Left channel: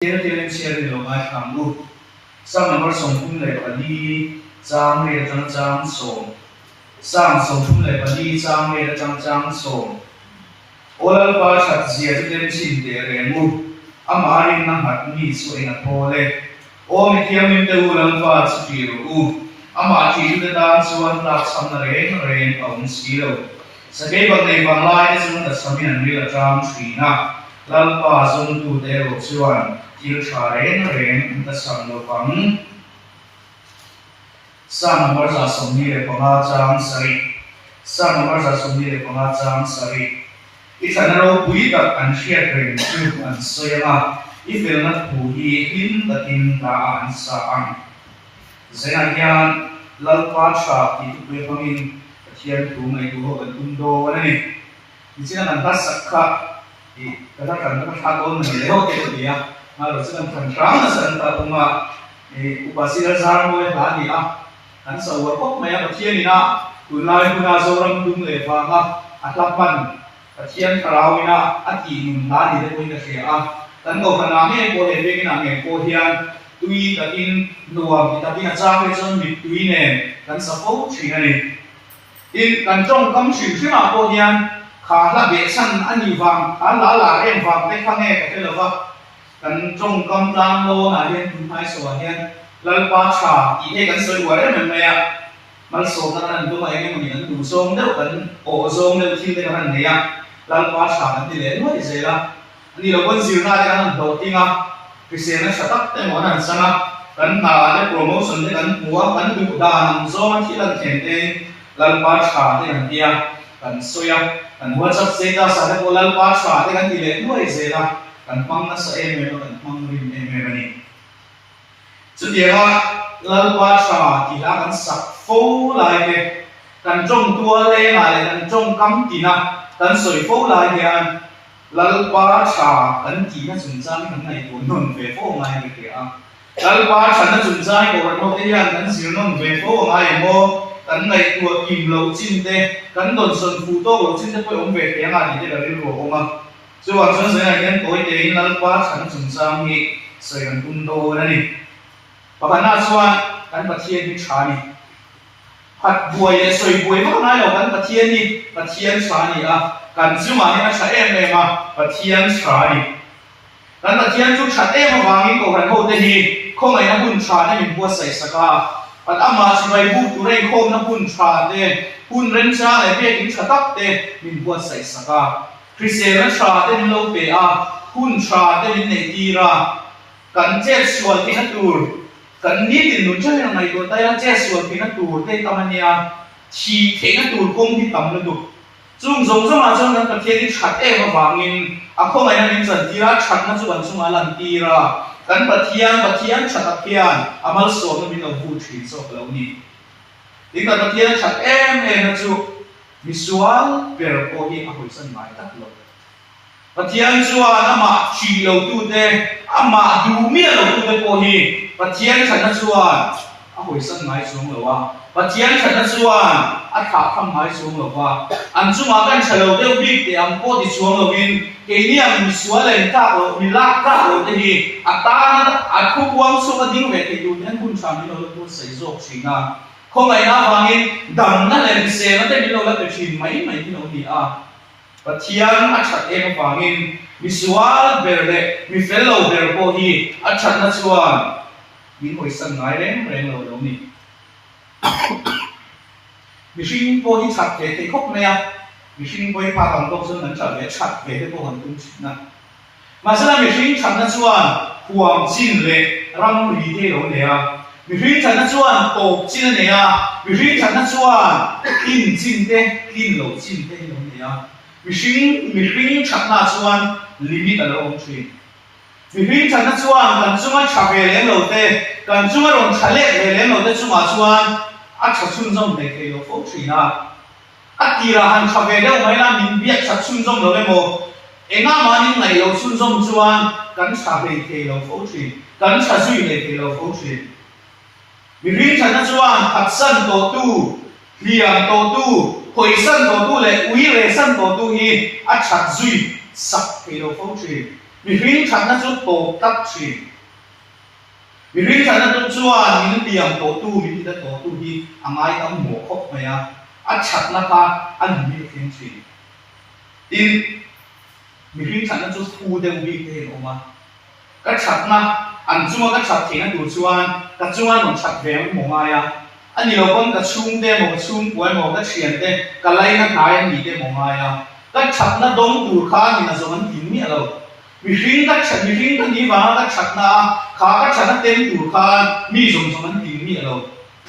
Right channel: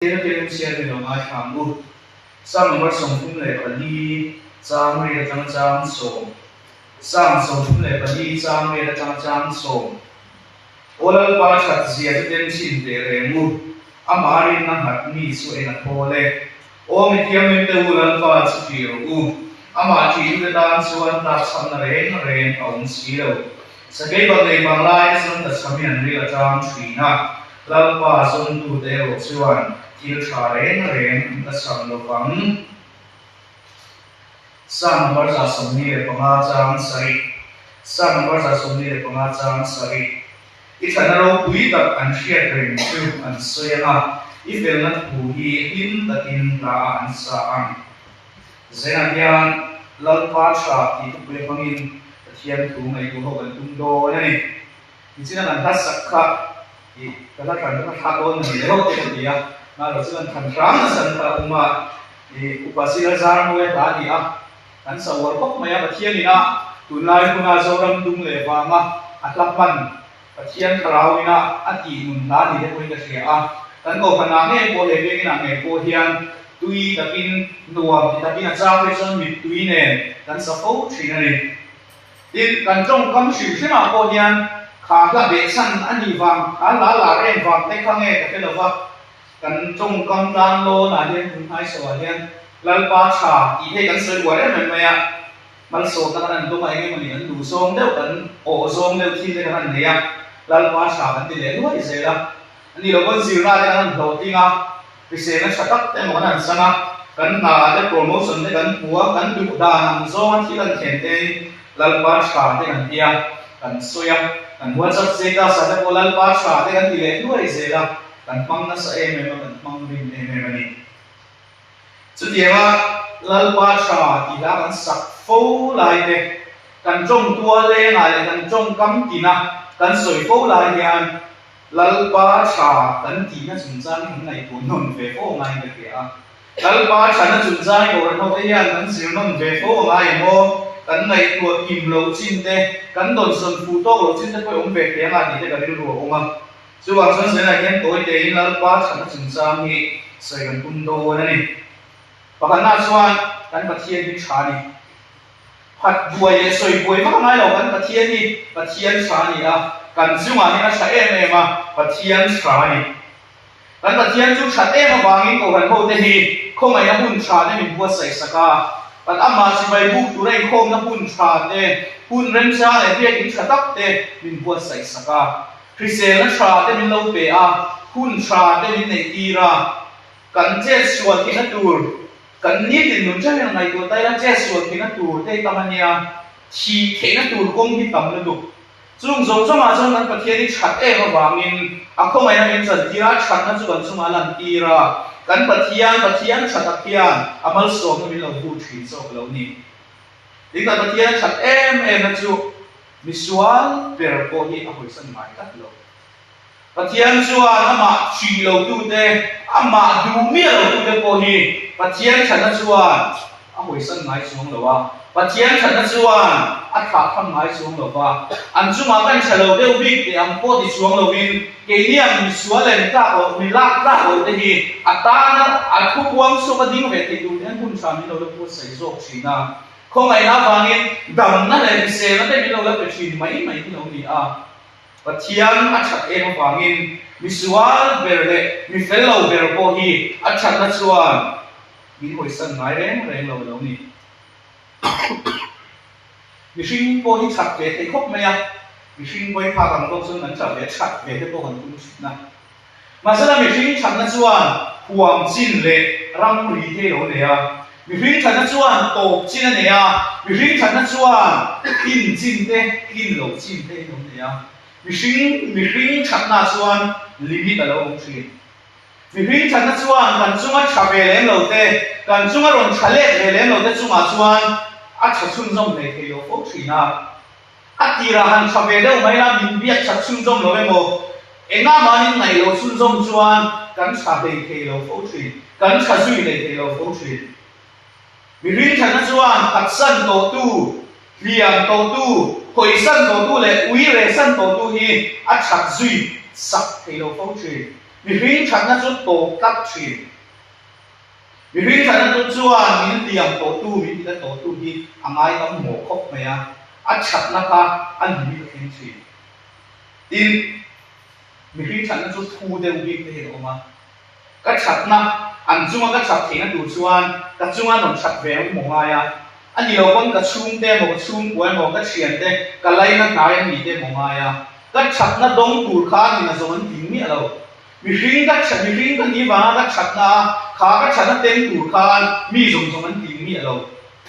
Tena tena share lo mai thamu sam number som phun le pani chang me chang som sam som phun le pani chang me chang som olal pa chat zia tem chin te re mu amarin na hat mi so ena pole o mi thiam min te ulan pa chi u ama chi te dan suan ta san ren on si lo sakai bang nei bang lai sun ta samin ri la chang thina lal pa sun tu te ro chuan til tha ren ta sang lo pang sa number za som ni le panga chang sari sa number za som ni le panga chang sari isanaro pui tak an share ren chu an soyama ifel na pu hi in takin la an sa ang zena hian lalpa tha ti tu pe pangin thian tu mai tu ho an tum do na ni ichina kan ta sakha i kala kan ta tha do na ni ho ke dia na ro chuan than tang na san ta uma e upasira zar mo ha dia kan sa war kop mai a thian ina tu lai kuna zoram tum le wa ma atlapan pathian karawina ati nun na ni de koin ka sia a tan go khana nge ko le ve ina nge ko hian tui takin nuam ti takin a cha ve chon mi tui ne kan sa fo thina ni tin kan trong kam siu thina ko hian kha la be san ani wang a la la em wang te khange ka te lova kan trong kam dan lo na hian kun hai so hian lal pa tha i te kan soi wa re me ya mal so kan an tu mai nge ni an du song deuh kan o song deuh thi te kan ne ya lal pa tha kan ti le lo i se la ani lo bon ziu na te kan do tinga pise na satak te mo nan sana kan na te promotion te kan puwa kan du da nang zo thi lan then te lal pa tha te kan tia kan soya kan whatsapp se ta sa te ko lal pa tha te kan ti le lo i se la kan mang na sa em me kan mang rim em me ni chu dia lal pa tha ti la kan sak fo lai te kan trong tua le na le kan trong kam ti na kan soi fo lai hian lal pa tha kan ti na chun chan han ngai tu non ve fo ngai ke ke a lal pa tha na chun chan ko no te hian kan sir non ve fo ngai mo kan ngai tu kim lo chin te kan don son fu to lo chin te ko om ve te nga ni te ka ri ro oma chuan chon se na hian toi te in lal pa tha na chun chan hi sai kan kun do na ni pakhan na chuan kan pathian hi tha ni phat buai le soi buai ma ngai lo kan pathian tha ni a kan chunga ni a tha em em a pathian tha ni kan pathian chu tha em awangin ko kan ho te hi khomai na hun tha ne min bua sai saka pat ama si vai bu tu rei khom na hun tha te hun ren cha e be kin tha tak te min bua sai saka krisen na tha te min lo pe a hun tha te min nei ti ra kan che sual ki na tur kan ni tin nun cha na ngai ko tai an che sual ki na tur te tamania thi the na tur kom hi tam na du chung zong zong a chang kan pathian ni that e ma wangin a khomai na min chan tira that na chu kan chunga lan tira kan pathian that a khian amal so na min lo bu thi so lo ni ti kan pathian that em na chu visual per ko hi a hoi san mai tak lo pathian chuan ama chi lo tu te ama du mi lo tu te ko hi pathian that na chuan a hoi san mai chung lo wa pathian that na chuan a tha tham mai chung lo wa an chunga kan chalo deu bi te am po ti chung lo win ke ni am visual en ta o mi la ta o te hi a ta na a khu wang so ma ding ve te du nen kun sa mi lo ko sai zo china khomai na wangin dam na le se na te mi lo la ke chin mai ti no ni a pathian a that em wangin visual berle mi fellow ber po hi a that na chuan min hoi san ngai reng lo ni mi hring po hi that ve te khop me a mi hring po hi pha kam tok sun an cha ve that ve te po han tum na ma sa mi hring that na chuan huam chin le ram ri te lo le a mi hring that na chuan top chin ne a mi hring that na chuan kin chin te kin lo chin te lo le a mi hring that na chuan limit alo om thin mi hring that na chuan kan chunga tha ve leng lo te kan chunga ron thale ve leng lo te chunga chuan a tha chun zong nei ke lo fo thina a tira han tha ve deuh mai la min biak tha chun zong lo emo enga manin nei lo chun zong chuan kan tha ve ke lo fo thin kan tha zui nei ke lo fo thin mi hring that na chuan phat san to tu liam to tu hoi san to tu le ui re san to tu hi a that zui sak ke lo fo thin mi ring chat na chu to tak chi mi ring chat na tu chuan min liam to tu min ta to tu hi angai am mo khop mai a chat na ka an mi khen chi tin mi ring chat na chu thu de wi te he oma ka chat na an chunga ka chat thena tu chuan ka chunga non chat ve mo nga ya ani lo kom ka chung te mo chung puai mo ka chian te ka lai na nai ni te mo nga ya ka chat na dong tur kha ni na zo an ting mi alo mi ring ka chat mi ring ka ni wa ka chat na kha ka chat na tem tur kha mi zong zong an ting mi alo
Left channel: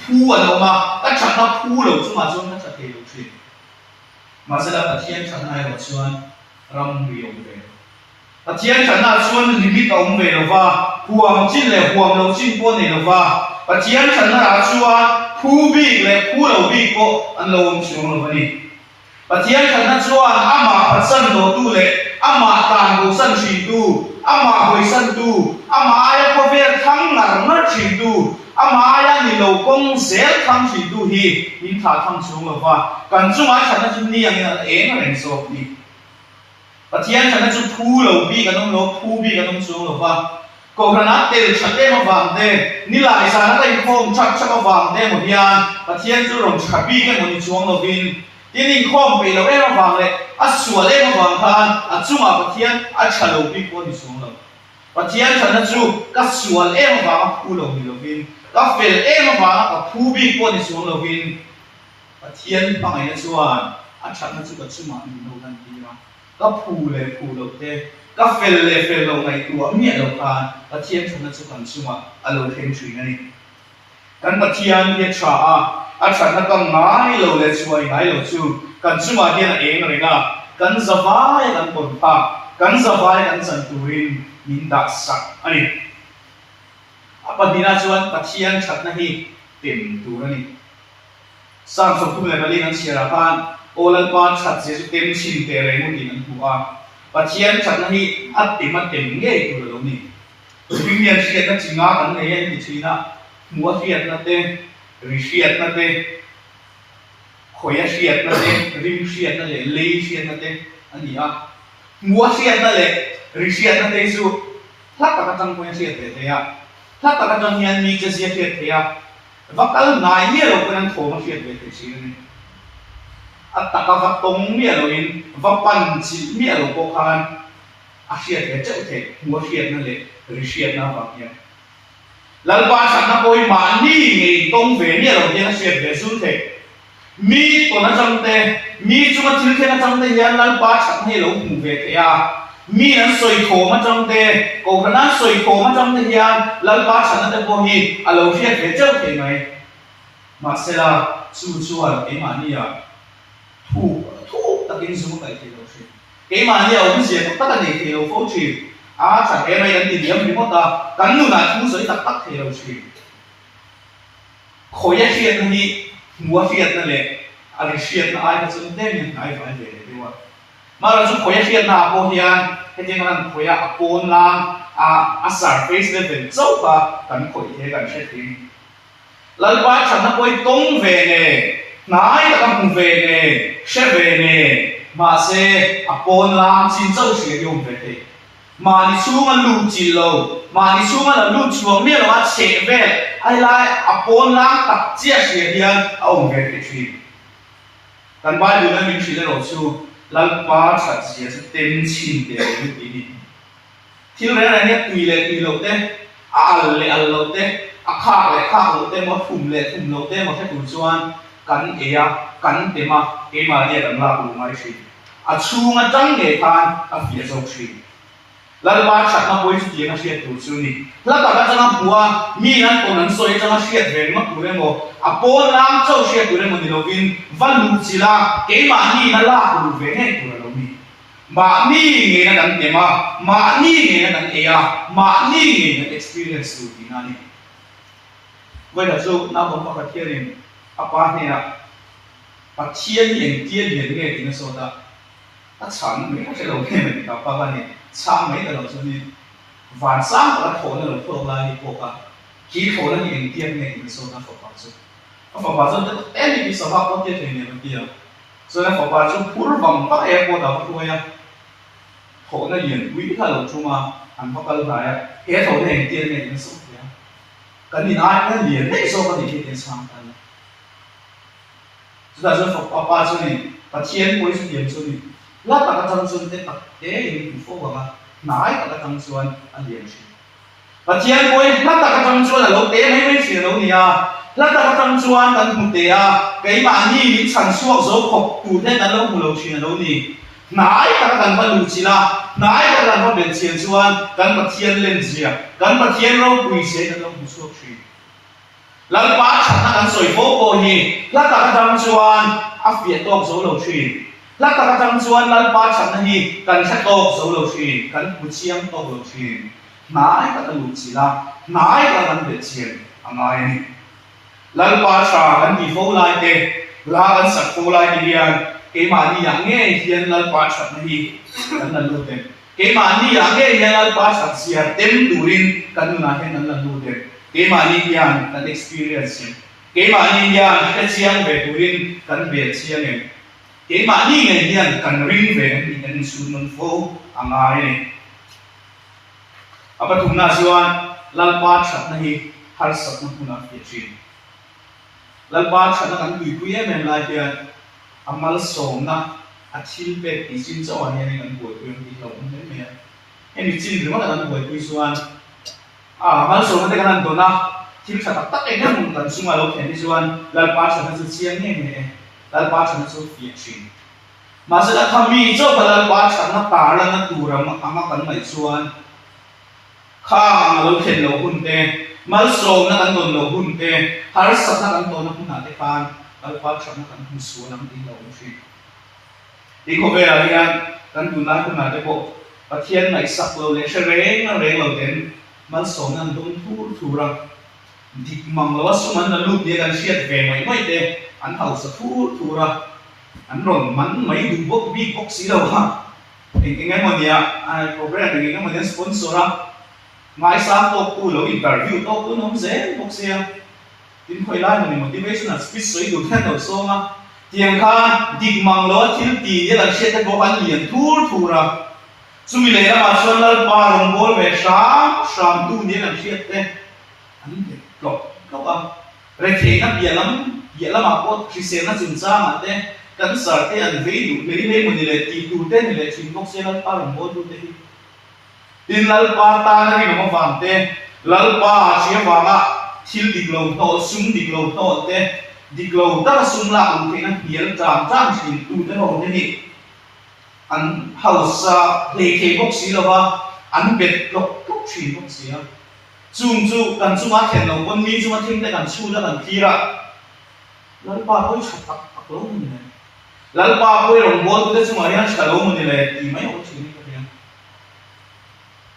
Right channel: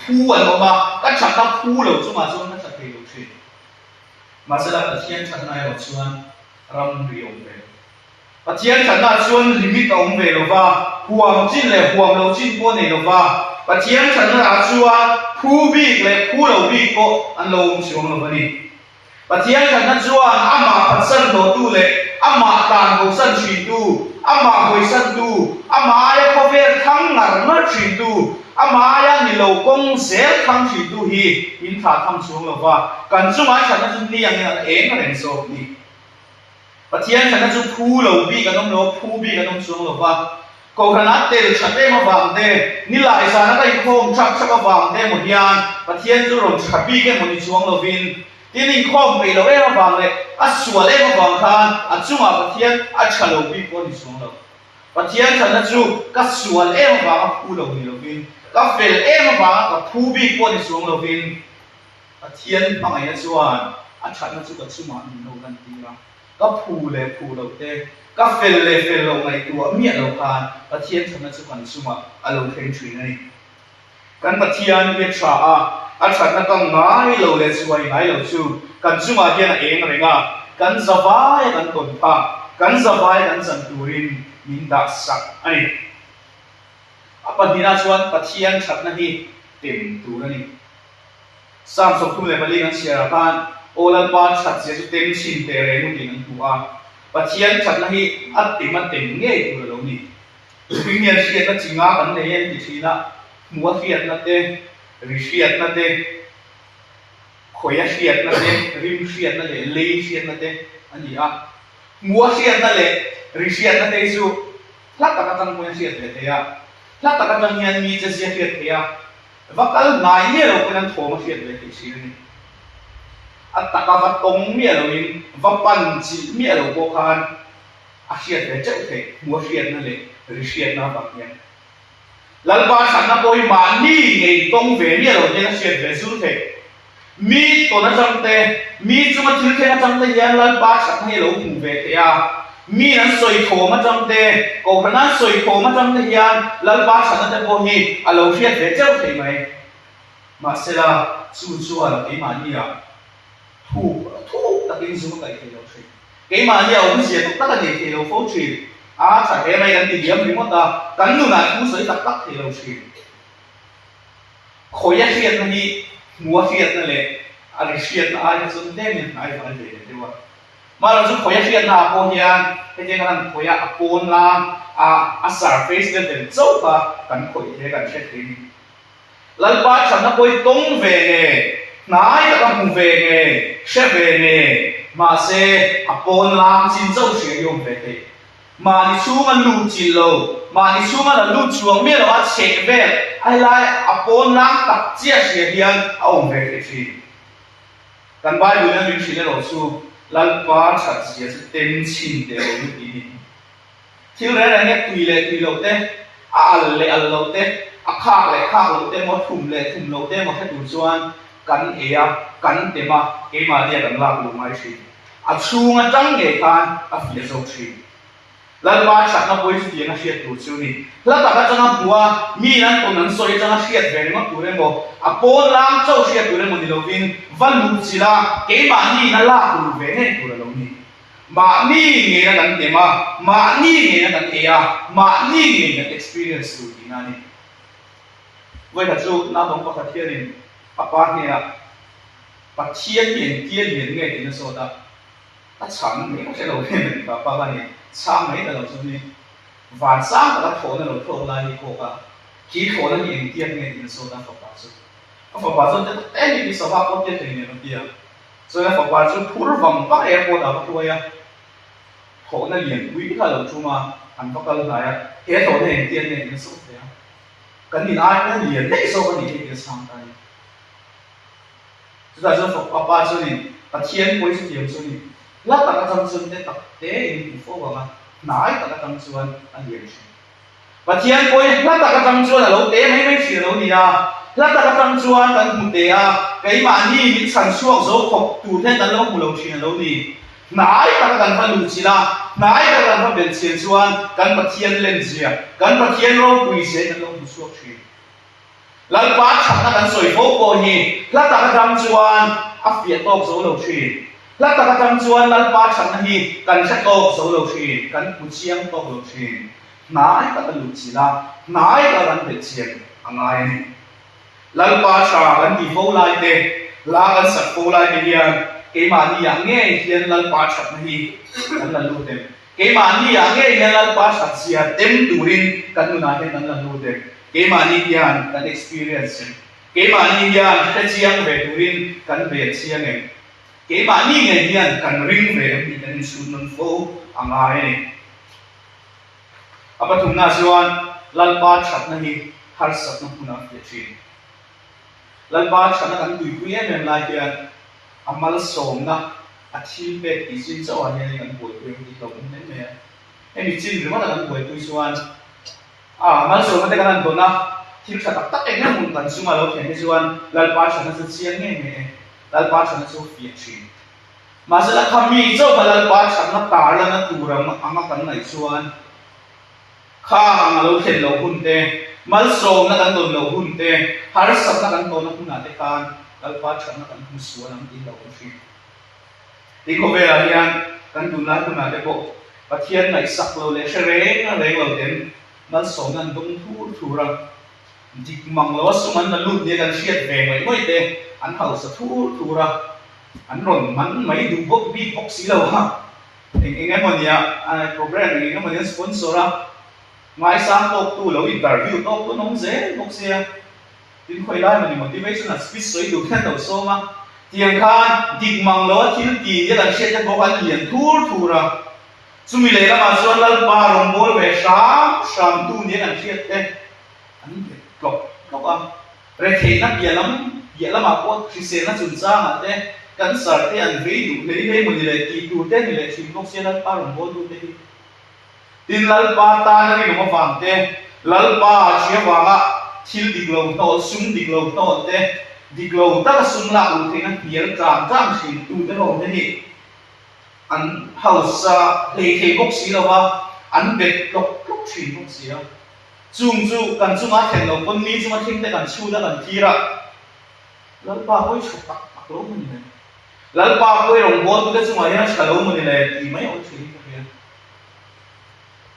phu an oma ka chat na phu lo chu ma chuan ka chat te lo chi ma se la pathian chat na lo chuan ram ri ong ve pathian chat na chuan limit ong ve lo wa huam chin le huam lo chin po ne lo wa pathian chat na chuan phu bi le phu lo bi ko an lo ong chiong lo ni pathian chat na chuan ama patsan do tu le ama tan bo san chi tu ama hoi san tu ama ya ko ve thang ngar na chi tu ama ya ni lo kong sel thang chi tu hi min tha thang chiong lo wa kan chu ma chat na chu ni yang na eng ren so ni pathian chat na chu phu lo bi ka dong lo phu bi ka dong chiong lo wa ko khana tel chat te ma wang te ni lai sa na dai khom chak chak ma wang te mo hian pathian chu rong chat bi ke mo ni chuang lo vin tin in khom pe lo e ma wang le a sual e ma wang khan a chunga pathian a chalo bi ko ni chuang lo pathian chat na chu ka sual e ma wang a phu lo ni lo vin ka fel e ma wang ka phu bi ko ni chuang lo vin pathian pa ngai chuan a chat na chu ka chuma ni lo kan ti ra ka phu le phu lo te ka fel le fel lo ngai tu a mi lo khan pathian chat na chu kan chuma a lo khen thui ni kan pathian le cha a chat na ka ngai lo le chuai ngai lo chu kan chuma hian a eng renga kan zawai kan ton pha kan zawai kan san turin min da sak ani apa dina chuan pathian chat na hi tem tu ani sam so kum le mali an siara khan olan pa chat se tem chin te re mu din an tu a pathian chat na hi a tim nge tu lo ni pingnian siat na chinga kan ne yen ni china mua siat na te ri siat na te khoya siat na te rim siat na le lei siat na te ani a mua siat na le ri siat na te su thlat ta ka tang ko siat te ya thlat ta ka tang yan mi che siat te ya vakal nai me lo kan thoma siat te chi ni at ta ka va tong me lo in va pan chi me lo ko khan a siat te chau te mua siat na le ri siat na va ya lalba chat na koi ma ni ngei tong ve me lo ne siat ve su te mi to na chang te mi chu ma thil khen chang te yan lalba chat na lo hu ve te ya mi an soi tho ma chang te ko khana soi tho ma chang te yan lalba chat na te ko hi a lo siat ve chau te mai ma se la chu chuan ke ma ni ya thu ta kin zu kai te lo chi ke ma ni ông sia ta ta ne te lo fo chi a cha ke mai kan ti diam ni mo ta kan nu na thu soi tak tak te lo chi khoi ya siat na ni mua siat na le a ri siat na ai na chun te ni ai vai le te wa ma la chu khoi ya siat na ko hian he je kan khoi ya a pon lang a surface le den chau ka kan khoi he kan se tin lalba chat na koi tong ve ne nai ta kan hu ve ne she ve ne ma se a pon lang chin chau se yom ve te ma ni chu ma lu chi lo ma ni chu ma la lu chuang me lo a che ve ai lai a pon lang tak chia se hian a ong ve te chi kan ba lu na min chi le lo chu lalba chat sia se ten chin te lo ti ni thil re na ne tui lo te a al lo te a kha lo te mo thum lo te mo he tu chuan kan ea kan te ma ke ma le kan la lu mai chi a chunga tang ge khan a fia zo chi lalba chat na boy chu tiang a siat tu chu ni la ta ka changa bua mi nan to nan soi changa siat ve ma tu re mo a po lang chau siat tu re mo ni lo vin van lu chi la ke ma ni na la lu ve ne tu lo ni ma ni nge na kan te ma ni nge na kan ea ma ni nge na experience tu ti na ni voi la chu na bom pa ka thiarin apa ni na pa thian yen nge ti na so ta a chang me ka se lo ne me ka pa ba ni chang me da lo chu ni van sang ka tho na lo tho la ni ko ka ki tho na yen tian nge ti na so ta fa pa chu fa pa chu te ni bi sa ha ko te ne ma ti ya so na fa pa chu phur vang pa e ko da ko ya khổ nó liền quý khá lâu chung mà anh có câu lại hết thổ này tiền này nó sống thế cái nhìn ai cái liền đấy sau cái nhìn tiền sang tay chúng ta sẽ phục papa cho này ta thiên bối cho điểm cho này lát ta cái tâm xuân thế tập thế thì cũng phô vào nói ta cái tâm xuân anh điểm và thiên bối lát ta cái tâm xuân là lâu tế mấy chuyện lâu nhỉ lát ta cái tâm xuân cần một tế cái bạn đi sản xuất dấu phục chủ thế là lâu một lâu chuyện lâu nhỉ nói ta cần phải đủ chỉ là nói ta cần phải biến tiền xuân cần phải thiên lên gì cần phải thiên lâu quỳ sẽ là lâu một số chuyện lần ba chẳng là cần soi phố bồi nhỉ lát ta cái tâm xuân áp việt tốt số lâu chuyện lát ta cái tâm xuân lần ba chẳng là nhỉ cần sẽ tốt số lâu chuyện cần một chiang tốt lâu chuyện nói ta cần đủ chỉ là nói ta cần biến tiền anh ai này lần ba chẳng cần đi phố lại thế là cần sắp phố lại thế liền cái mà đi ăn nghe hiện lần ba chẳng này lần luôn thế cái mà đi ăn nghe hiện lần ba chẳng gì tem đủ rin cần nói hiện lần luôn thế cái mà đi ăn cần experience cái mà đi ăn cái chiang về đủ rin cần về chiang này cái mà đi nghe hiện cần rin về thì cần suy luận phố ăn ai này apa thùng na siwan lần ba chẳng này har sắc nó thùng na phía trên lần ba chẳng là cần tùy quý em lại thì amal som na athil pe ti sin cho anh em kan buổi tôi đi lâu thế này em bị chín rồi mà kan buổi tôi suan amal som na kan do na thil sa tak tak em mun kan suma lo thế này suan lal pa sa na chiang nghe này lal pa sa na so phía trên mà sẽ là kami cho cái lal pa sa na pa la na tu ram ama kan nai suan khang lo khen lo hun te mal som na kan don lo hun te har sak na kan don na hun na te kan lal pa sa na kan hun suan ang đi lâu chuyện đi có về là liền căn tụi nó cũng là cái bộ và thiên này sắp rồi để sẽ rén nó rén đầu tiên nó sống nó đúng thu ra thì mong nó sống nó lụt nhưกันsiết về mấy mấy thế anh hậu sẽ thu ra anh rồi mắn mấy đủ bốc bi bốc xí đâu ha thì cái mà nhỉ program thì cái mà nhỉ sponsor ra ngay sáng top tu lâu interview top tu nó không dễ bốc xe tin khơi lại mà motivation là speech sấy đủ theo đầu số mà tiền khan đi mang lo thiếu tiền như là sẽ có bạn liền thu ra chúng mình lấy là mà xuân là ba đồng bol về sáng tu như là sẽ thế anh biết lộc rồi thì nó biển lắm mà có khi xem nó dừng ra mà thế cần sợ thế anh ví dụ lấy một người thì tu thế thì lại chim gốc sẽ là ba đồng bol tu thế tin là ba ta nó đi nó vàng thế là ba sẽ vàng á thiếu đi lâu to sung đi lâu to thế đi lâu ta sung la u thế anh hiểu trang chỉ tu thế rồi thế thì anh hậu sa lấy cái gốc xí là ba anh biết gốc xí gốc xí à chung cần chung á thèn lòng con mi chung á thêm cái cần chu đó cần thi ra lần ba ôi chụp tắc lỗ mình này lần ba ôi lòng bố tôi chung á hiện cả lỗ mình này thì mấy ông chuyện như thế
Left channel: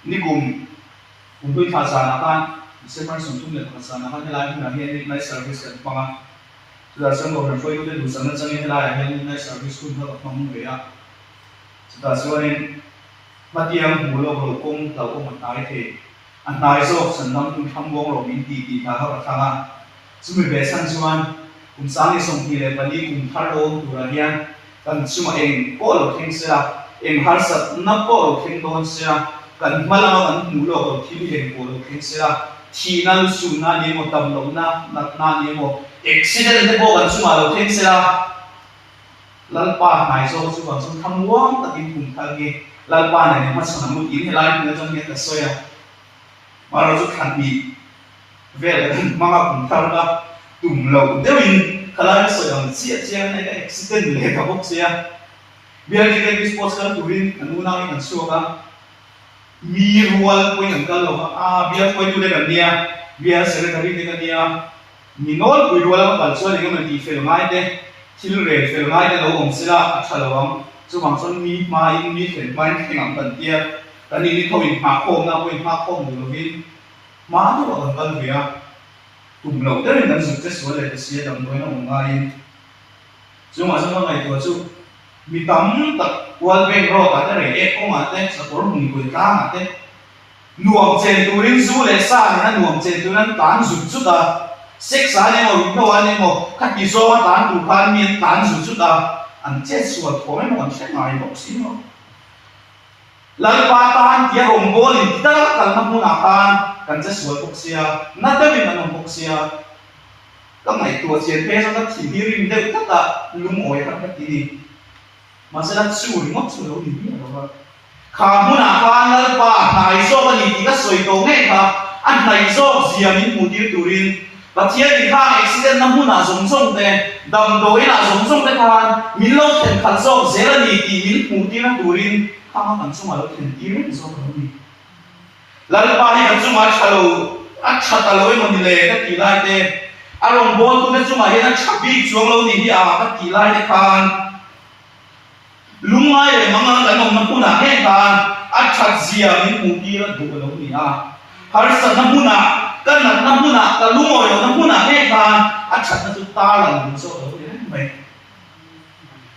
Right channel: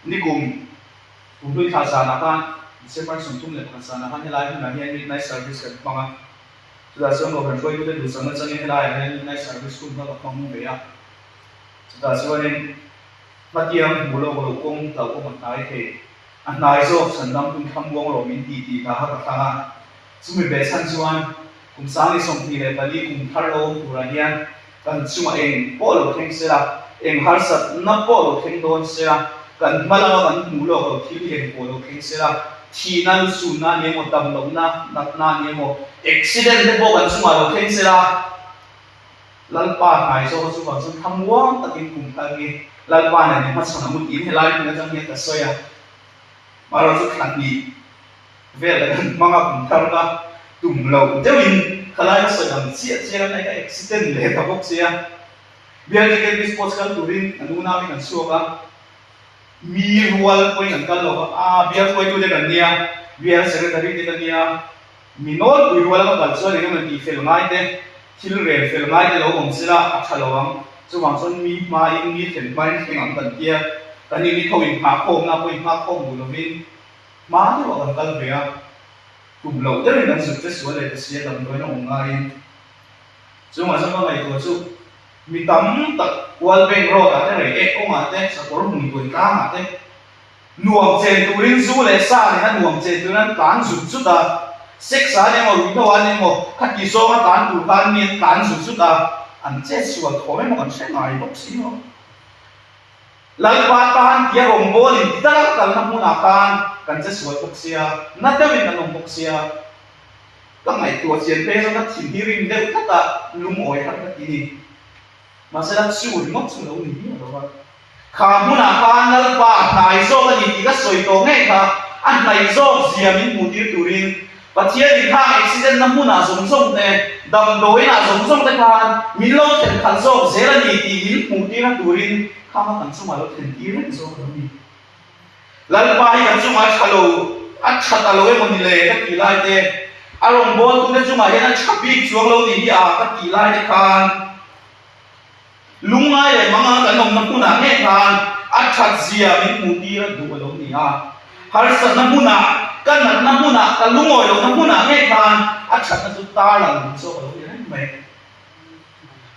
ní cùng tôi thà sa na kan sẽ phải sống chung được thà sa na kan hay là hiện nay service cái bằng chúng ta sẽ một phần phơi cái đủ sản xuất như thế này hay nay service cũng nó không về à chúng ta sẽ nên bắt tiêm mua lô công tàu công mặt trái thì anh nói rồi sản phẩm cũng không ngon rồi mình tì thà họ đặt hàng chúng mình về sản xuất cũng sáng đi xong thì lại phải đi cùng thắt lô đủ là hiền cần chúng mà em có lô khen sẽ là em har sat nó có lô khen đón sẽ là cần mà là cần mua lô thiếu hiền có lô khen sẽ là thì nó sụn na nhiều một tầm lông na nhiều một accident thế bộ cần chúng mà lô khen sẽ lần ba này do chúng còn chúng tham quan tất nhiên cùng ta nghe lần ba này mà sản phẩm kín hay lại nó trong những cái xoay à màเราจะขันบีเวลากันมากผมทำว่าตุ่มเราเดี๋ยวอินขลายก็สวยงามเสียเสียในcái accident เลยกับพวกเสียเวลาที่เป็น sports กันตุ่มอันนู้นนี่กันชัวร์กันมีรัวไปกันเราว่าเวลาไปดูเด็กกันเนี่ยเวลา secretary เด็กกันเนี่ยมีโน้ตไปรัวแล้วกันชัวร์เลยก็มันดีเฟลง่ายเด้ที่เรียนเฟลง่ายเด้เราองศิลาอัจฉริยะจะวางส่วนมีมาอินมีเห็นไปเห็นงานตันเตี้ยแต่นี่เขาอินมาโคมนะเขาอินมาโคมดูเราวินมาที่ว่ากันเบียกลุ่มเราได้เป็นการศึกษาสวยเลยจะเสียดำโดยน้องง่ายซึ่งมาซึ่งว่าไงตัวจู่มีตั้มตักวันเป็นรอกันได้เอ๊ะก็มาได้สักคนหนึ่งคนกลางได้หน่วงเจนตัวริ้งสู้เลยซ่าเลยนะหน่วงเจนตัวนั้นตานสุดสุดอ่ะเซ็กซ์อะไรมั่งวิโรจน์อะไรมั่งขัดกิโซมาตานถูกพันมีตานสุดสุดอ่ะอันเจ็ดส่วนของมันมันใช่ไหมบอกสิเนาะ lalpa tan tia rong bolin tara kal na huna kan kan che sual poksia na tawin anong poksia ka ngai tua chen pe so ka thin hi ring de ta lum oi hat ka ti masala chu ngok chu lo ni ni ro kha huna kan lalpa nai so ka ni ti ka soi to ngai kha an nai so ziam in mu dir turin pathian ni khang accident na huna zong zong te dam doi na zong zong te khan min lo then khal zo zera ni ti in mu ti na turin kama kan suma lo then ti ren zo ko ni lalpa hi kan suma chalo a chata lo e mon le ka ti lai te arong bol tu na suma he na chabi chuang lo ni hi a ka ti lai te khan lungai le manga kan nom na huna he khan a chat zia min mu ti ra du lo ni a har sa na huna kan na huna ka lungoi lo na huna he khan a chat na tu ta la ni zo lo ni mai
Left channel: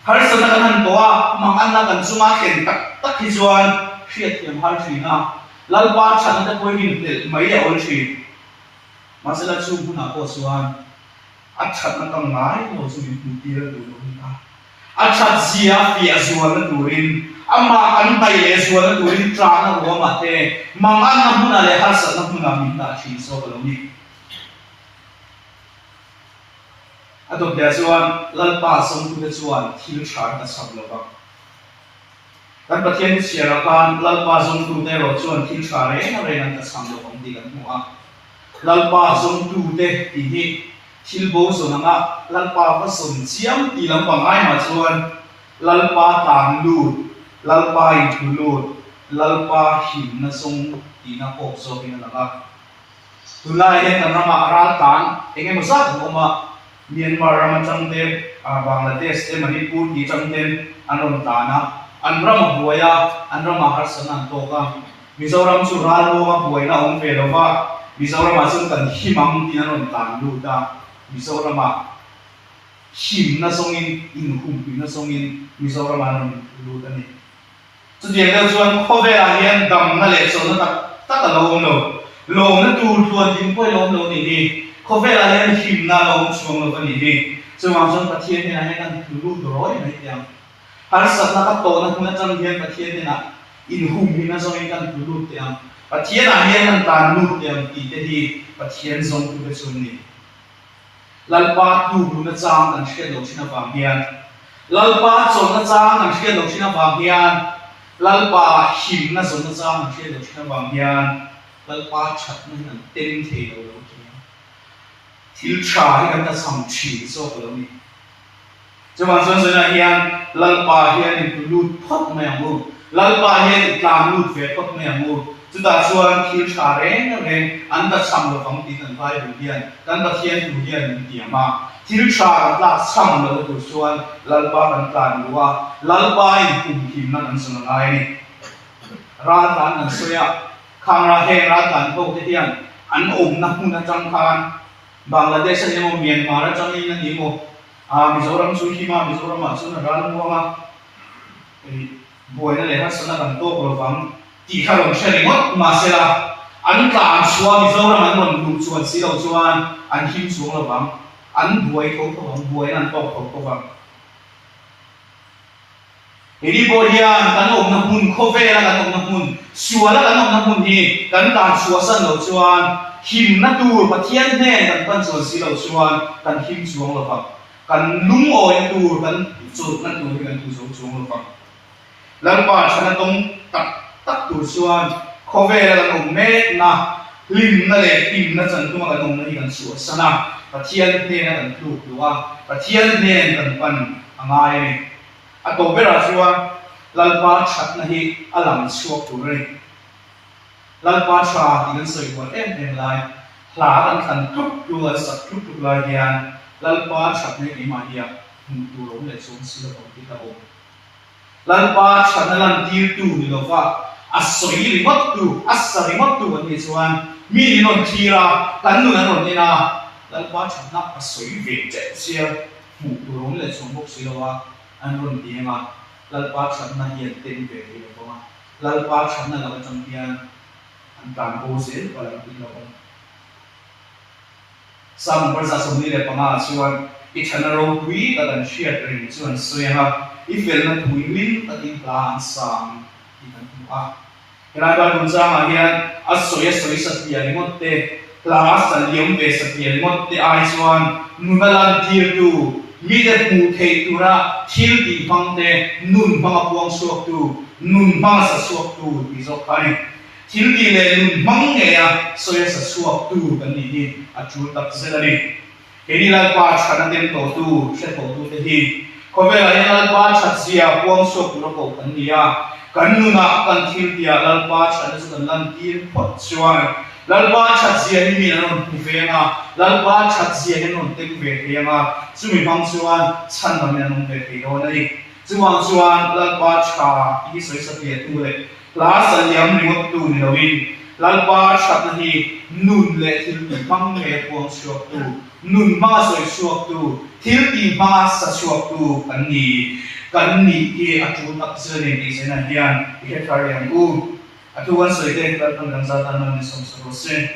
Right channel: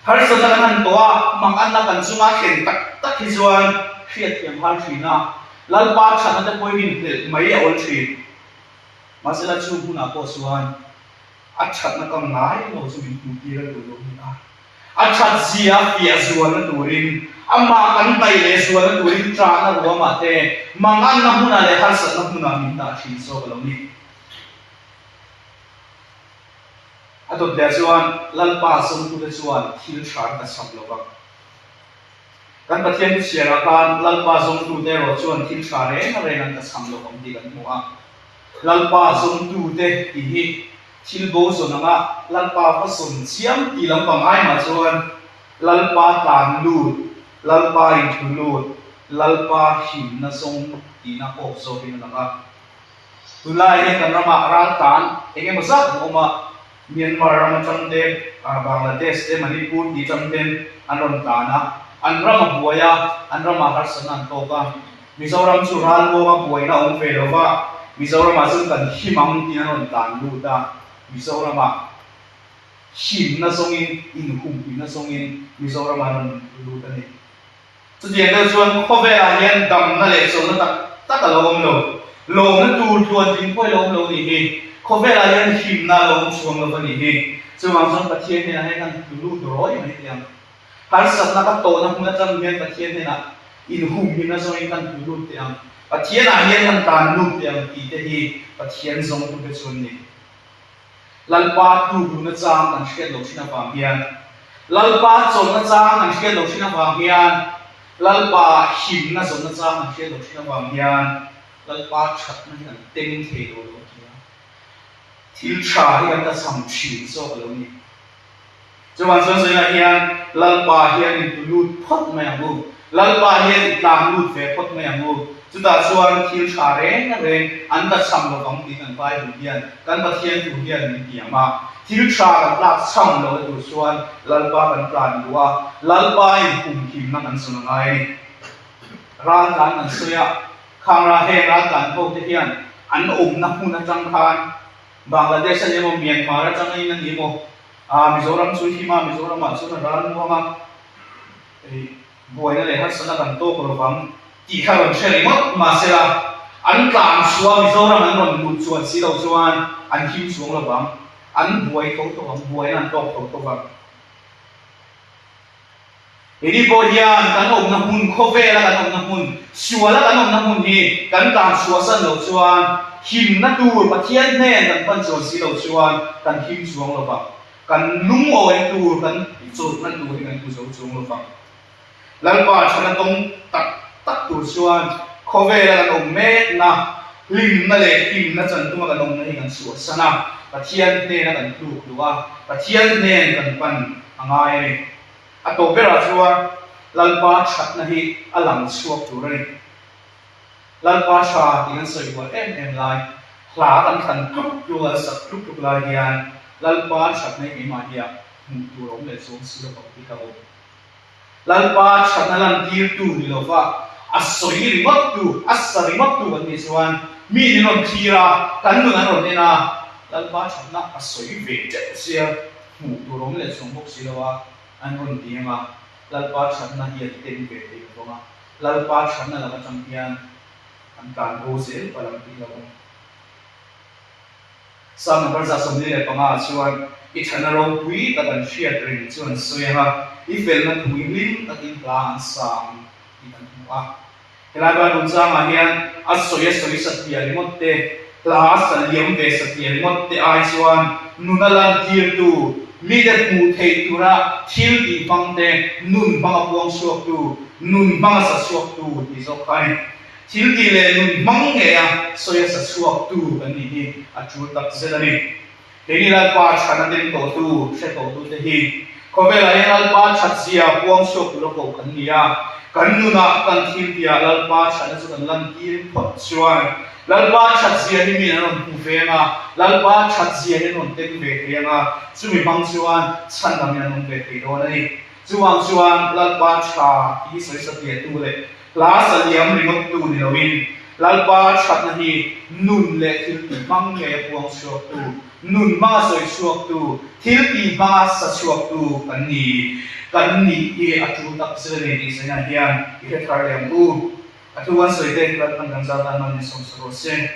har sa na kan to a mang an na kan suma khen tak tak hi chuan khiat tiam har thina lalpa chan na ko hin tel mai ya ol thi masala chu huna ko chuan a chat na kam ngai lo chu min tu ti ra do lo ni a a chat zia pia zual na turin ama kan pai le zual na turin tra na ro ma te mang an na huna le har sa na huna min ta thi so lo ni ato dia chuan lalpa som tu le chuan thil thar ta sam lo ba kan pathian siara kan lalpa som tu te ro chuan thil thar re na re na ta sam lo kom ti kan mu a lalpa som tu te ti hi thil bo so na nga lalpa fa som chiam ti lam pang ai ma chuan lalpa tan lut lalpa in thu lut lalpa him na song ti na ko so pin na nga tulai ne kan rama ral tan enge mo sa ko ma Myanmar ram chamte Bangladesh te Manipur ti chamte anom tana anrama buaya anrama harsan to ka Mizoram chu ral lo ma buaina ong fe lo wa Mizoram asun kan himam ti anon tan lu ta Mizoram him na songin in hum na songin Mizoram anon lu ta ni chu de le chuan khobe a hian dam na le so na tak lo na tu thuan tin poi lo ni hi khobe la hian him na lo chuang lo ni hi chuang chon pathian ne a kan tu lu roi mai tiang har sat na ka to na huna cham hian pathian ne na in hum hi na zong kan tu lu tiang pathian a hian an tan lu tiang ti te hi pathian zong tu be chun ni lalpa tu bu na chang kan hriat lo china pang hian lalpa chon na chang kan hriat lo china pang hian lalpa him na zong na chang kan hriat lo china pang hian lalpa that na kan ten the lo thil tha hi kan ta sam thi so lo ni chuan chuan chuan hian lalpa hian in lut phot mai amu lalpa hian tlang lut ve phot mai amu chuta chuan thil tha reng an ta sam lo kam ti kan vai du hian kan ba hian du hian min ti ama thil tha kan la sam lo tu chuan lalpa kan plan duwa lalpa in kum thim na kan sun ngai ni ran dan an soya khang ra he ra kan ho te hian an om na hu na chang khan Bangladesh ni mo Myanmar chang ni mo Mizoram chu hi ma Mizoram ma chu na ran mo ma boina le ha sana kan to ko fam ti kha ron sheli mo ma sela an kan suwa Mizoram an ron lu chuan si lo chuan an him chuang lo bang an buai ko to an buai an to ko bang Ini bohian kan om na hun khove la kan om na hun suwa la kan om na hun hi kan tam suwa san lo chuan him na tur pathian ne kan pan chuan si lo chuan kan him chuang lo ba kan lung oi tur kan chu kan tur kan tu so chuang lo ba lalpa chana tong tak tur chuan khove la kan om ne na lim na le him na chan tu ma kan om na hi kan suwa sana pathian ne na kan tu luwa pathian ne kan pan angai ni ato bera chuan lalpa that na hi alam chuak tur ni lalpa tha tian soi wa em lai hla kan than thup lu la sak thup lai hian lalpa that ne ni ma hian mu tu rom le chong si lo ti ka o lalpa that na lan tir tu ni lo fa asoi ri mat tu asari mat tu ni chuan mi ni non thira kan nu na ron ni na lalpa that na asoi ve che sia mu tu rom le chong bok si lo wa an ron ti ma lalpa that na hian ten ve ti lo ma lalpa that na la chang hian an kan ho se palang ti lo sam barza somni le panga chuan I thana ro pui ta kan hriat rin chuan soya ha I fel na thui lim ta tin plan sang ti kan hua kelaga runza ma hian asoi satya limotte la sal liam ve satya limotte ai chuan nunalan tir tu mi de pu thei tu na thil ti bangte nun banga puang suak tu nun banga sa suak tu ti zo kai thil ti le nun mang nge ya soya sa suak tu kan ni hi a chu tak zelani keni la pa chana den to tu she to tu te hi kovela ya la pa chat sia puang suak tu lo ko kan ni ya kan nu na kan thil ti ya la pa chana chu kan lan tir phot chuan lalpa chat sia ni mi anon pu ve nga lalpa chat sia ni non tek ve ve nga chumi bang chuan chan na mi anon ve ve ro nei chuang chuan lalpa cha i soi sa ti tu le la sa liam rimot tu ni lawin lalpa chat na hi nun le thil ti bang le puang suak tu nun ma soi suak tu thil ti bang sa suak tu kan ni ki atu tak sele ni se na hian i ke thar yang u atuan soi te kan kan za tan man som so sen